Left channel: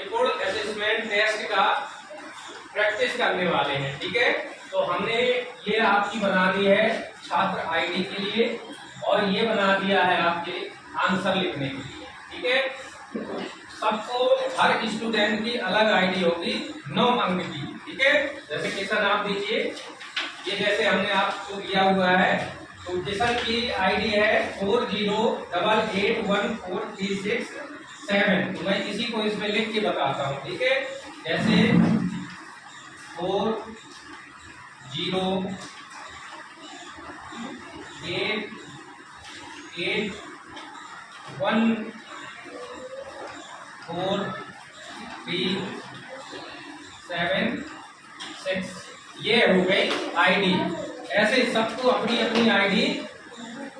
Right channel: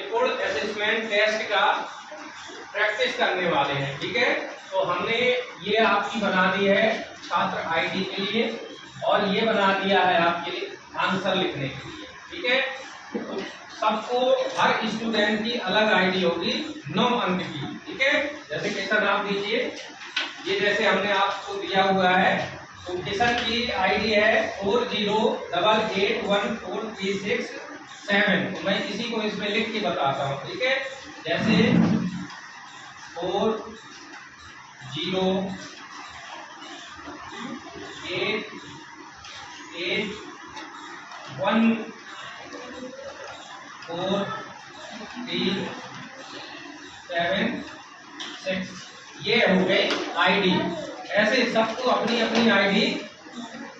निपुण assessment test का practice करने वाले हैं। ठीक है, तो हमने ये आपकी बना दी है छात्र आईडी के लिए और ये बना दिया है आपके आंसर लिखने के लिए। ठीक है, तो सबको हर स्टूडेंट की अलग आईडी होगी 9 अंक की। ठीक है, जैसे किशन आप दीजिए, ये जैसे हमने आपको दिया हुआ है, तो किशन की आईडी है 40881436 तो मैं इसी को इसमें लिख के बताता हूँ। ठीक है, जैसे 40881436 ये हो गई आईडी। ऐसे सबको अपनी अपनी आईडी,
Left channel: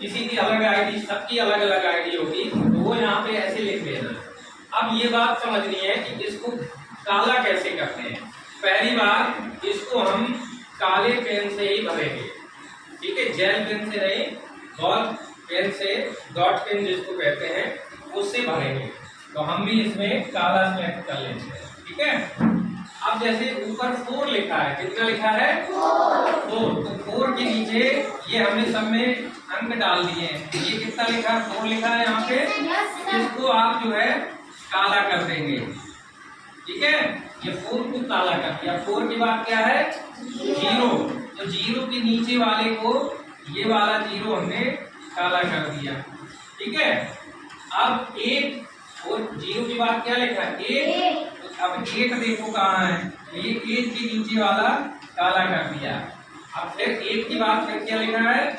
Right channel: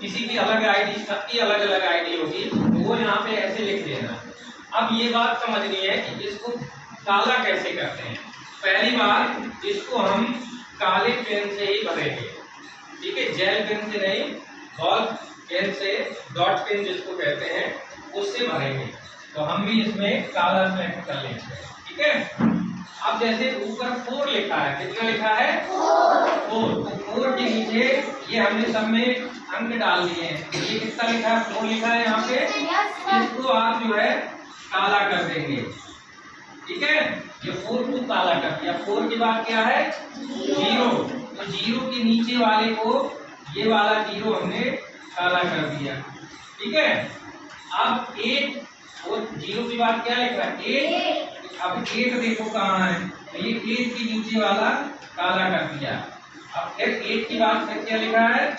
किसी की अलग आईडी, सबकी अलग अलग आईडी होगी, तो वो यहाँ पे ऐसे लिख देना। अब ये बात समझनी है कि इसको काला कैसे करते हैं। पहली बार इसको हम काले पेन से ही भरेंगे। ठीक है, जेल पेन से नहीं, बॉल पेन से, डॉट पेन जिसको कहते हैं, उससे भरेंगे। तो हम भी इसमें काला सेलेक्ट कर लेंगे। ठीक है, अब जैसे ऊपर 4 लिखा है, कितना लिखा है 4, तो 4 के नीचे ये हमने सब में अंक डाल दिए हैं। ये कितना लिखा है 4 लिखा है यहाँ पे, इसको आप जो है काला कर देंगे। ठीक है, ये 4 को काला कर दिया। 4 के बाद क्या है 0, तो 0 के नीचे वाले को, ये वाला 0 हमने काला कर दिया। ठीक है, अब 1 और 0 के बाद क्या लिखा है 1, अब 1 देखो कहाँ है, ये 1 के नीचे वाला काला कर दिया। अब फिर 1 के बाद फिर क्या लिखा है 1,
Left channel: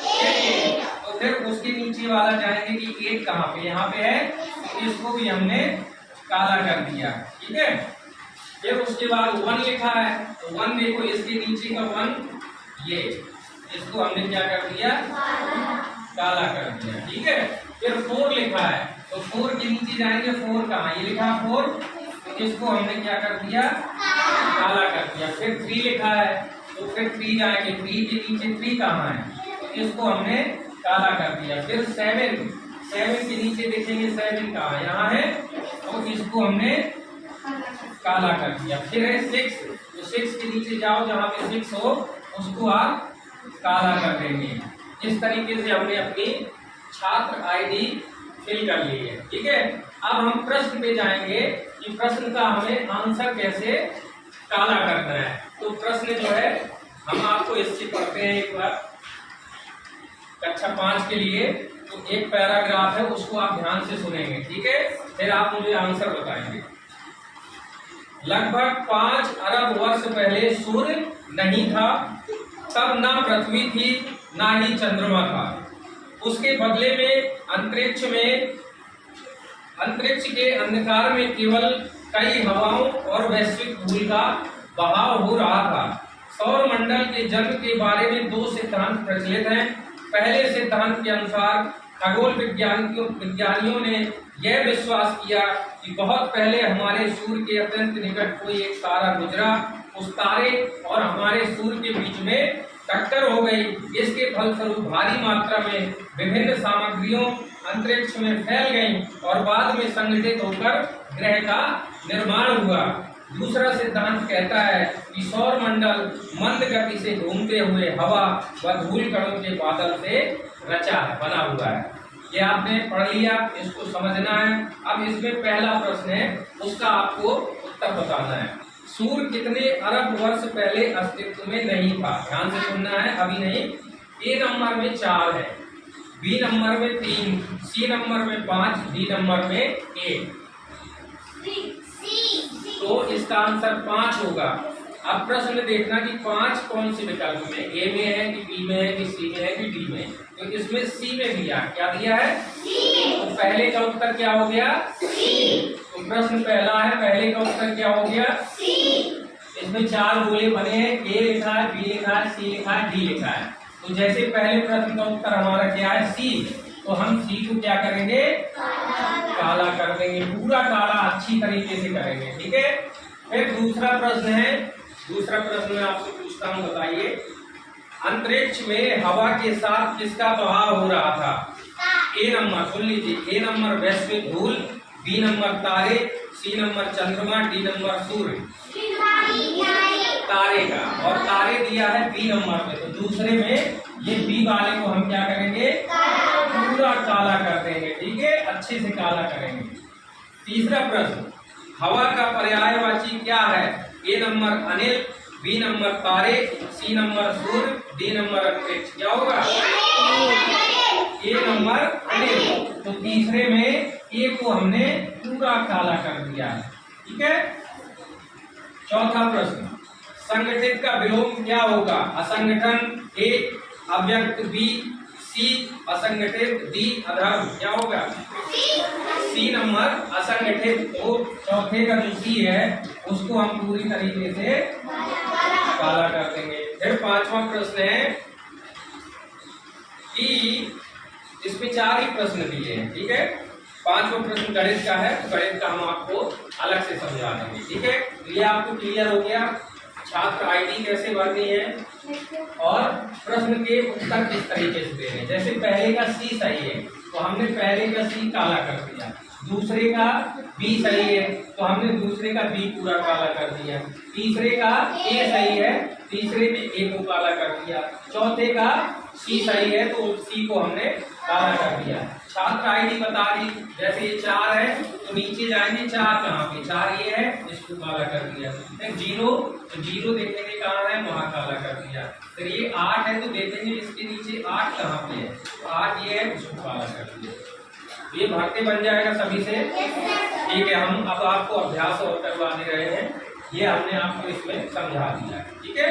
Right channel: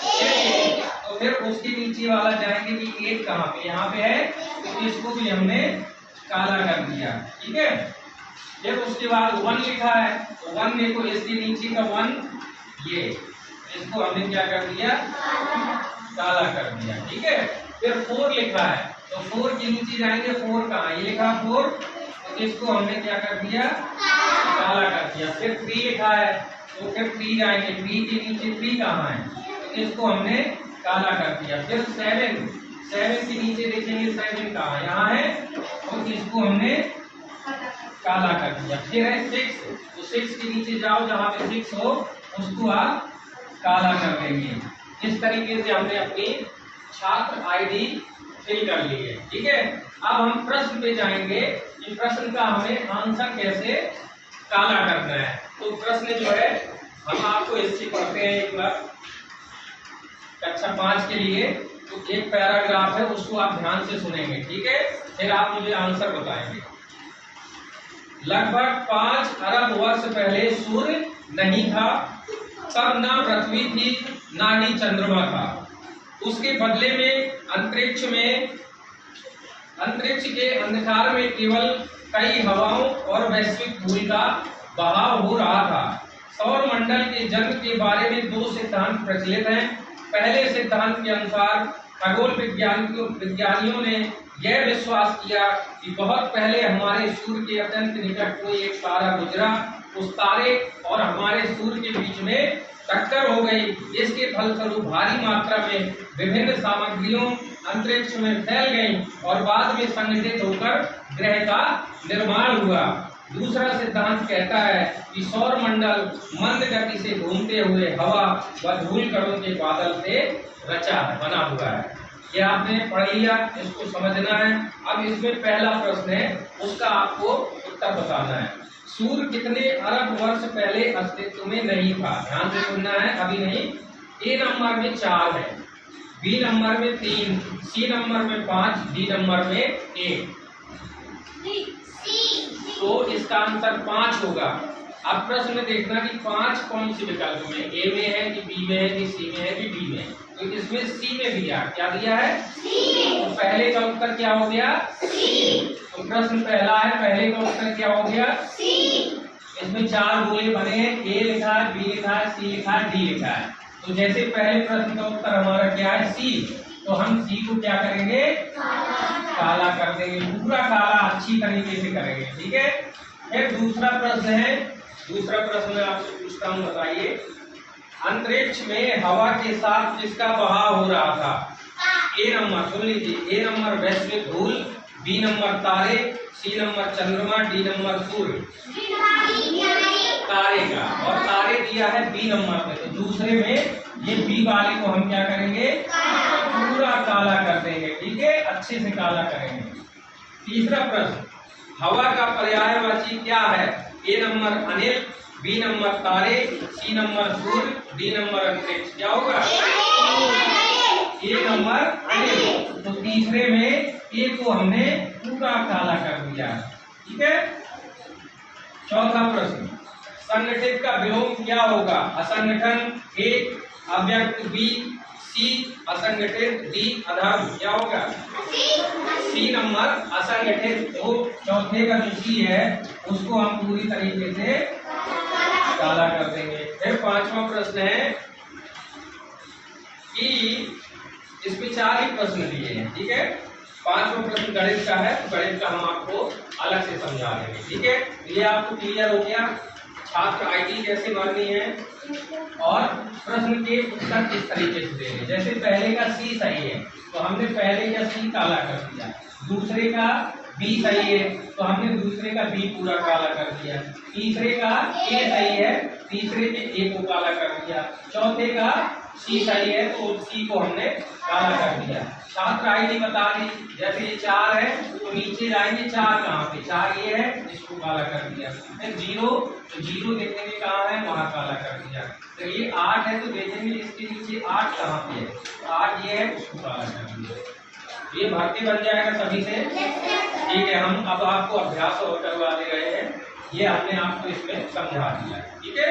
तो फिर उसके नीचे वाला जाएंगे कि 1 कहाँ पे, यहाँ पे है, तो इसको भी हमने काला कर दिया। ठीक है, फिर उसके बाद 1 लिखा है, तो 1 देखो इसके नीचे का 1, ये इसको हमने क्या कर दिया काला कर दिया। ठीक है, फिर 4 लिखा है, तो 4 के नीचे जाएंगे, 4 कहाँ, ये लिखा 4, तो इसको हमने क्या कर दिया काला कर दिया। फिर 3 लिखा है, तो फिर 3 जाएंगे, 3 के नीचे 3 कहाँ है, तो इसको हमने काला कर दिया। फिर 7 के नीचे देखेंगे 7 कहाँ है, यहाँ है, तो इसको हमने काला कर दिया। फिर है 6, तो 6 के नीचे जाओ, जहाँ पे 6 हो उसको आप काला कर देंगे। इस तरीके से हमने अपनी छात्र आईडी फिल कर ली है। ठीक है, अब हम प्रश्न पे जाएंगे कि प्रश्न का हमें आंसर कैसे काला करना है। तो प्रश्न जो है हम आपको इससे पढ़ते हैं एक बार कक्षा 5 के लिए। तो एक पैराग्राफ है, उसको आप ध्यान से सुनेंगे। ठीक है, फिर आप मुझे आंसर बताएंगे। लगभग 5 अरब वर्ष पहले सूर्य नहीं था, तब ना पृथ्वी थी ना ही चंद्रमा था। उसके बदले में अंतरिक्ष के अंधकार में केवल कई हवाओं और वैश्विक धूल का बहाव हो रहा था। सौर मंडल के जन्म के बारे में 2 सिद्धांत प्रचलित हैं। पहले सिद्धांत के अनुसार खगोल विज्ञानियों ने यह विश्वास किया कि बहुत पहले हमारे सूर्य के अत्यंत निकट कोई एक तारा गुजरा। उस तारे और हमारे सूर्य के बीच में टक्कर हो गई। इसके फलस्वरूप भारी मात्रा में विभिन्न सामग्रियों अंतरिक्ष में फैल गई और बाद में संगठित होकर ग्रह का निर्माण हुआ। दूसरा सिद्धांत कहता है कि सौर मंडल मंद गति से घूमते हुए हवा व धूल कणों के बादल से रचा है, बना हुआ है। ये आपने पढ़ लिया, इसको समझना है। अब इसमें पहला प्रश्न है, उसका आपको उत्तर बताना है। सूर्य कितने अरब वर्ष पहले अस्तित्व में नहीं था? ध्यान से सुनना है, अभी नहीं। ए नंबर में 4 है, बी नंबर में 3, सी नंबर में 5, डी नंबर में 1। तो इसका आंसर 5 होगा। अब प्रश्न में देखना कि 5 कौन से विकल्प में, ए में है कि बी में है कि सी में है कि डी में। तो इसमें सी में दिया, क्या दिया है सी। तो पहले का उत्तर क्या हो गया सी। तो प्रश्न पहला है, पहले का उत्तर क्या हो गया सी। इसमें 4 गोले बने हैं, ए लिखा है, बी लिखा है, सी लिखा है, डी लिखा है। तो जैसे पहले प्रश्न का उत्तर हमारा क्या है सी, तो हम सी को क्या करेंगे काला कर देंगे, पूरा काला अच्छी तरीके से करेंगे। ठीक है, फिर दूसरा प्रश्न है, दूसरा प्रश्न मैं आपसे पूछता हूँ, बताइए अंतरिक्ष में हवा के साथ किसका बहाव हो रहा था? ए नंबर सुन लीजिए, ए नंबर वैश्विक धूल, बी नंबर तारे, सी नंबर चंद्रमा, डी नंबर सूर्य तारे का, और तारे दिया है बी नंबर में, तो दूसरे में ये बी वाले को हम क्या करेंगे, पूरा काला कर देंगे। ठीक है, अच्छे से काला करेंगे। तीसरा प्रश्न, हवा का पर्यायवाची क्या है? ए नंबर अनिल, बी नंबर तारे, सी नंबर सूर्य, डी नंबर अंतरिक्ष। क्या होगा? ए नंबर अनिल, तो तीसरे में ए को हमने पूरा काला कर दिया। ठीक है। चौथा प्रश्न, संगठित का विलोम क्या होगा? असंगठन, ए अव्यक्त, बी सी असंगठित, डी अधर्म। क्या होगा? सी नंबर असंगठित। तो चौथे का जो सी है उसको हम पूरी तरीके से काला कर देंगे। फिर पांचवा प्रश्न है कि इसमें 4 ही प्रश्न दिए हैं। ठीक है, पांचवा प्रश्न गणित का है, तो गणित का हम आपको अलग से समझा देंगे। ठीक है, ये आपको क्लियर हो गया छात्र आईडी कैसे भरनी है और प्रश्न के उत्तर किस तरीके से देने। जैसे पहले का सी सही है तो हमने पहले का सी काला कर दिया, दूसरे का बी सही है तो हमने दूसरे का बी पूरा काला कर दिया, तीसरे का ए सही है तीसरे में ए को काला कर दिया, चौथे का सी सही है तो सी को हमने काला कर दिया। छात्र आईडी बता दी, जैसे ये 4 है तो नीचे जाएंगे 4 कहाँ पे, 4 ये है इसको काला कर दिया। फिर 0 तो 0 देखेंगे कहाँ है, वहां काला कर दिया। फिर ये 8 है तो देखेंगे इसके नीचे 8 कहाँ पे है, तो 8 ये है उसको काला कर दिया। ये भर्ती बन जाएगा सभी से। ठीक है, हम अब आपको अभ्यास और करवा दे रहे हैं, ये हमने आपको इसमें समझा दिया। ठीक है।